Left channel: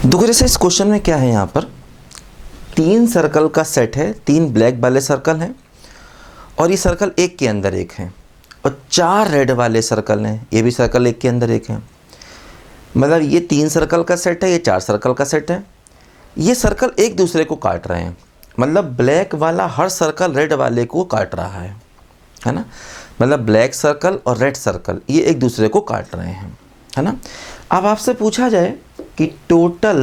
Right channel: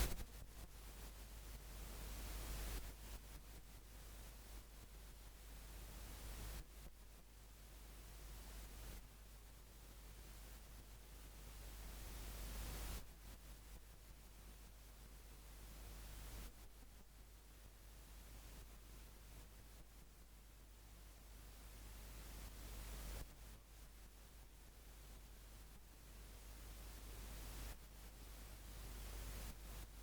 देखो जैसे इस क्वेश्चन में क्या है, यहाँ पर 3 सर्कल का सेट है, 3 ब्लैक वाले सर्कल हैं और ये सर्कल एक के अंदर एक है, और 4 रेड वाले सर्कल हैं, ये भी सर्कल एक के अंदर एक है। मतलब ये 3 सर्कल का सेट है, ये 4 सर्कल का सेट है। ये सर्कल एक दूसरे को काट रहे हैं, मतलब ब्लैक वाला हर सर्कल रेड वाले को काट रहा है ना। मतलब ब्लैक सर्कल और रेड सर्कल ये एक दूसरे को काट रहे हैं, है ना। अब आपसे पूछा जाए कि total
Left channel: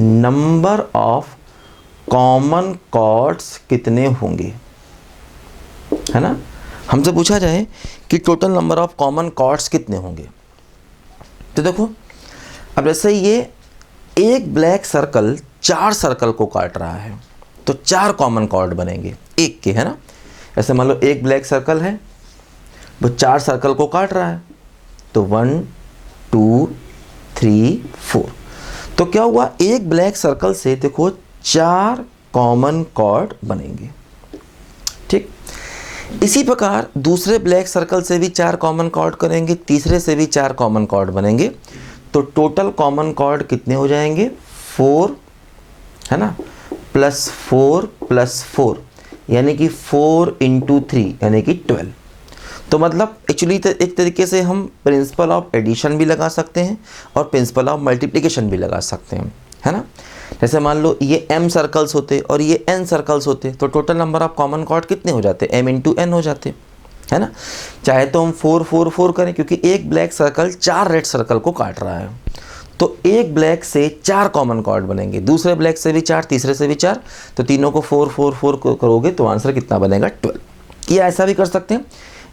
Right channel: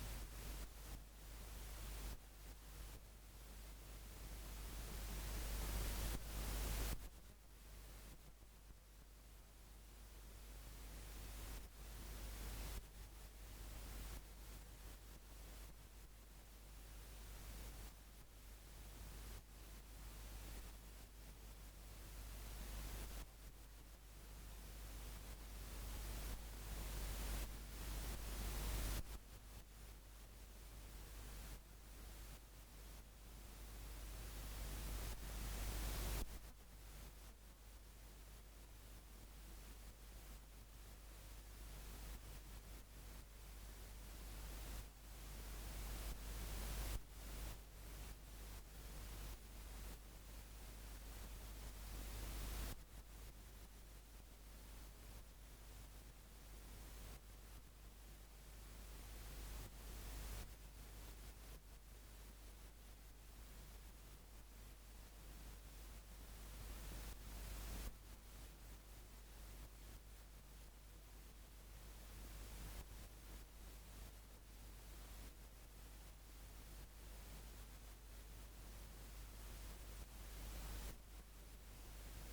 number of common chords कितने होंगे, है ना। हमसे पूछा जाए कि total number of common chords कितने होंगे, तो देखो अब जैसे ये एक ब्लैक सर्कल 4 सर्कल को काट रहा है तो 4 कॉमन कॉर्ड बनेंगे एक के, है ना। ऐसे मान लो एक ब्लैक सर्कल है वो 4 सर्कल को काट रहा है, तो 1 2 3 4। तो क्या हुआ, एक ब्लैक सर्कल से देखो 4 कॉमन कॉर्ड बनेंगे, ठीक। इसी प्रकार दूसरे ब्लैक सर्कल से भी 4 कॉमन कॉर्ड करेंगे, तीसरे से भी 4 कॉमन कॉर्ड बनेंगे, तो टोटल कॉमन कॉर्ड कितने हो जाएंगे 4, है ना, +4 +4 यानी कि 4 × 3 यानी कि 12। तो मतलब एक्चुअली एक तरीके से हम प्रिंसिपल ऑफ एडिशन भी लगा सकते हैं और प्रिंसिपल ऑफ मल्टीप्लिकेशन भी लगा सकते हैं, है ना। जैसे मान लो ये m सर्कल्स होते और ये n सर्कल्स होते तो total number of common chord कितने हो जाते, m × n हो जाते, है ना। चाहे तो हम 4 4 4 करें, क्योंकि एक ब्लैक सर्कल 4 रेड सर्कल को काट रहा है, तो एक ब्लैक से 4 कॉमन कॉर्ड बनेंगे, दूसरे ब्लैक से भी 4, तीसरे से भी 4, तो तीनों को 4 4 4 करोगे तो आंसर कितना बनेगा 12। या ऐसा भी कर सकते हैं,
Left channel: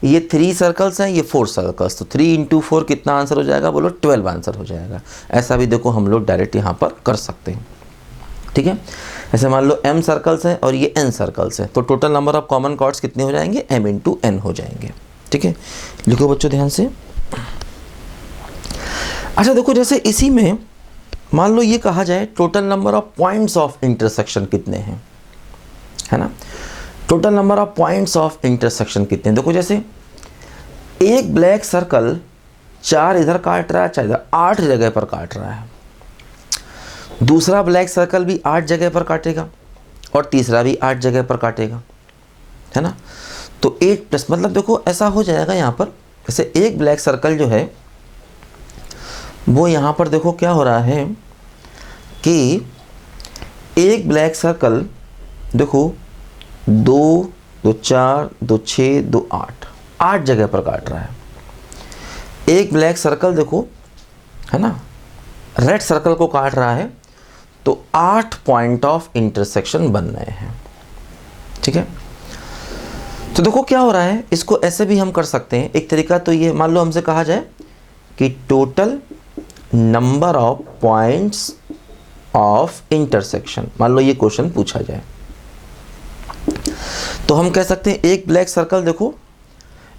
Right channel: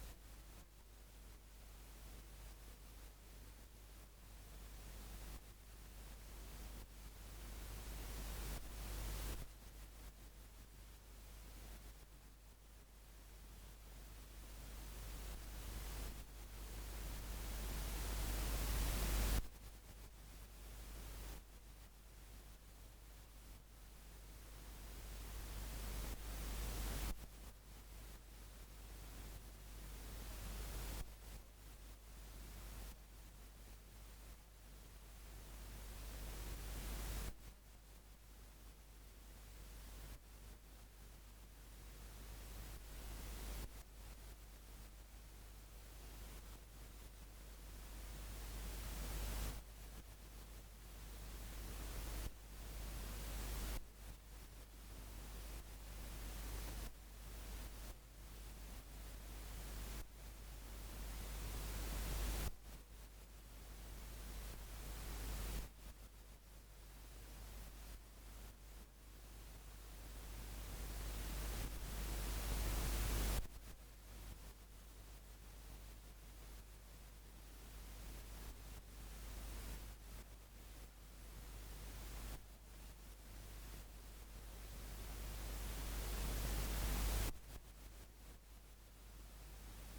ये 3 सर्कल्स हैं, ये 4 सर्कल्स, तो 3 × 4 कितना आंसर हो जाएगा, बोलो 12 आंसर हो जाएगा। ऐसा भी देखो हम लोग डायरेक्ट यहाँ पर कर सकते हैं, ठीक है। ऐसे मान लो m सर्कल्स हैं और ये n सर्कल्स हैं, तो total number of common chords कितने हो जाएंगे, m × n हो जाएंगे, ठीक है। लिखो बच्चों ध्यान से। अच्छा देखो जैसे इसी में मान लो ये कहा जाए total number of points of intersection कितने हैं, है ना। Total number of points of intersection कितने हैं, देखो जैसे एक ब्लैक सर्कल 4 इधर काट रहा है, 4 इधर, 8 जगह पर काट रहा है। दूसरा ब्लैक सर्कल भी 8 जगह पर काटेगा और तीसरा भी 8 जगह पर काटेगा, है ना। तो 8+ मतलब देखो ऐसा हो जाएगा यहाँ पर, जैसे एक ब्लैक सर्कल जो है वो यहाँ पर देखो क्या हो रहा है कि एक ब्लैक सर्कल देखो 2 2 4 2 6 2 8 जगह पर काट रहा है। एक ब्लैक सर्कल देखो, है ना, रेड सर्कल को काट रहा है, तो 8 पॉइंट ऑफ इंटरसेक्शन बन रहे हैं, ठीक है। तो देखो क्या हो रहा है, इसको ऐसे भी हम कर सकते हैं। एक तरीका तो ये, मान लो हमसे कहा जाए कि total number of points of intersection, मान लो ये क्वेश्चन पूछा जाए, तो हम कह सकते हैं एक ब्लैक सर्कल देखो,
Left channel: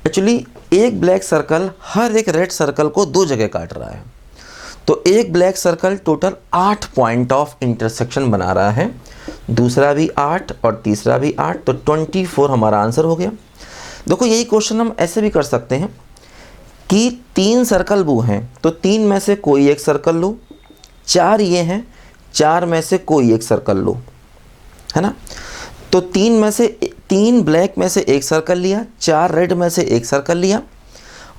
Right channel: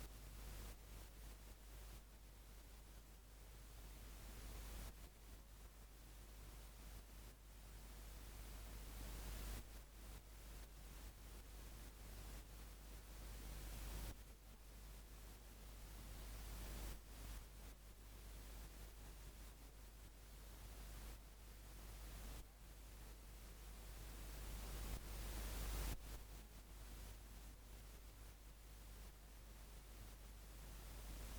एक्चुअली एक ब्लैक सर्कल हर एक रेड सर्कल को 2 जगह काट रहा है, तो एक black circle total 8 point of intersection बना रहा है, दूसरा भी 8 और तीसरा भी 8, तो 24 हमारा आंसर हो गया। देखो यही क्वेश्चन हम ऐसे भी कर सकते हैं कि 3 सर्कल वो हैं, तो 3 में से कोई एक सर्कल लो, 4 ये हैं, 4 में से कोई एक सर्कल लो, है ना। तो 3 ब्लैक में से एक सर्कल लिया, 4 रेड में से एक सर्कल लिया,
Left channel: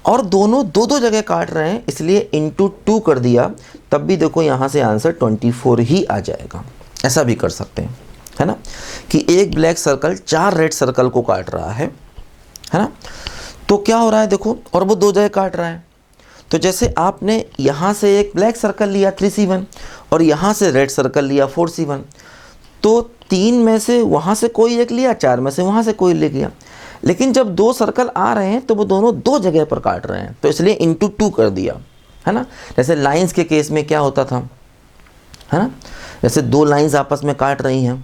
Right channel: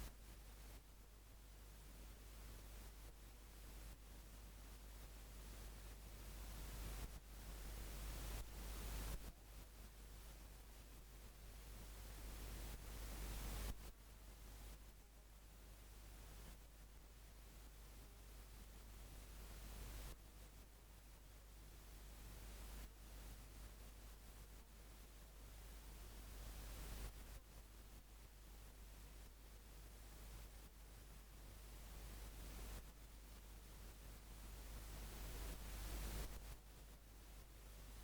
और दोनों 2 जगह काट रहे हैं, इसलिए × 2 कर दिया, तब भी देखो यहाँ से आंसर 24 ही आ जाएगा। ऐसा भी कर सकते हैं, है ना, कि एक ब्लैक सर्कल 4 रेड सर्कल को काट रहा है ना। तो क्या हो रहा है देखो, और वो 2 जगह काट रहा है, तो जैसे आपने यहाँ से एक ब्लैक सर्कल लिया 3C1 और यहाँ से रेड सर्कल लिया 4C1, तो 3 में से वहाँ से कोई एक लिया, 4 में से वहाँ से कोई ले गया, लेकिन जब 2 सर्कल आ रहे हैं तो वो दोनों 2 जगह पर काट रहे हैं, तो इसलिए × 2 कर दिया, है ना। जैसे लाइंस के केस में क्या होता था, है ना, जैसे 2 लाइंस आपस में काट रही हैं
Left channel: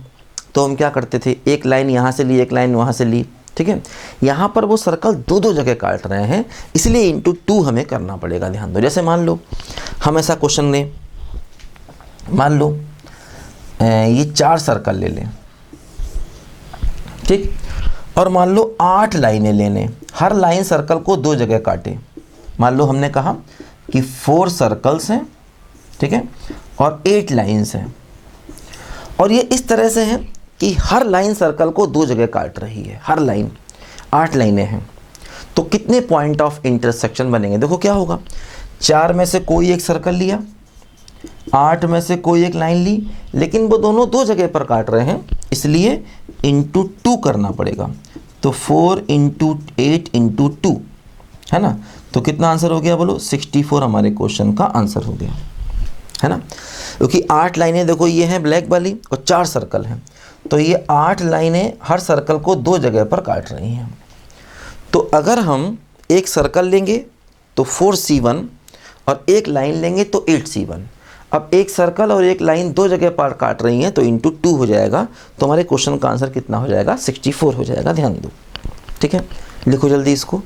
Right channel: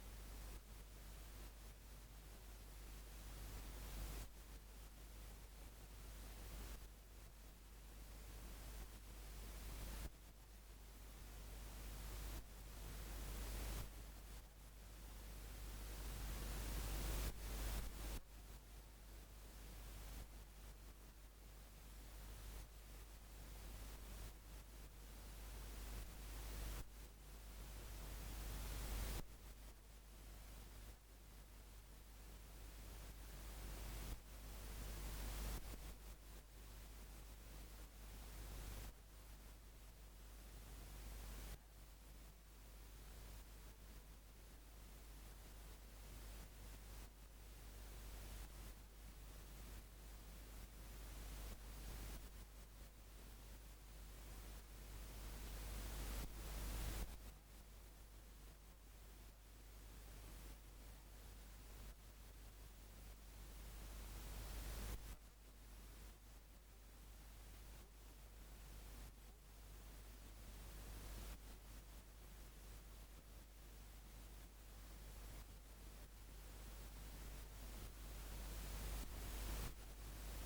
तो हम क्या करते थे, एक लाइन यहाँ से ली, एक लाइन वहाँ से ली, ठीक है। यहाँ पर वो सर्कल 2 जगह काट रहे हैं, इसलिए × 2 हमें करना पड़ेगा, ध्यान दो। जैसे मान लो हम ऐसा क्वेश्चन लें, मान लो ये 4 सर्कल ले लें, ठीक, और मान लो 8 लाइनें ले लें, हर लाइन सर्कल को 2 जगह काटे। मान लो हमने कहा कि 4 सर्कल्स हैं ठीक है, और 8 लाइंस हैं, और ये इस तरह से है कि हर लाइन सर्कल को 2 जगह काट रही है, हर लाइन 8 लाइनें हैं। तो कितने पॉइंट ऑफ इंटरसेक्शन बनेंगे? देखो क्या होगा, 4 में से कोई एक सर्कल लिया, 8 में से कोई एक लाइन ली, लेकिन वो दोनों 2 जगह पर काट रहे हैं, इसलिए इंटू 2 करना पड़ेगा। तो 4 इंटू 8 इंटू 2 है ना, तो कितना आंसर हो गया बोलो? 64 हमारे क्वेश्चन का आंसर हो गया, है ना। क्योंकि 8 लाइनें देखो ये हैं ब्लैक वाली और 4 सर्कल हैं, तो ये 8 लाइनें हर सर्कल को 2 जगह पर काट रही हैं। तो अगर हम एक सर्कल लेंगे तो 4C1 और एक लाइन लेंगे तो 8C1। अब एक सर्कल और एक लाइन 2 जगह पर काट रही हैं, तो इंटू 2 हो जाएगा, तो हमारे क्वेश्चन का आंसर कितना हो जाएगा? 64 हो जाएगा, ध्यान दो। ठीक है, लिखो जल्दी इसको।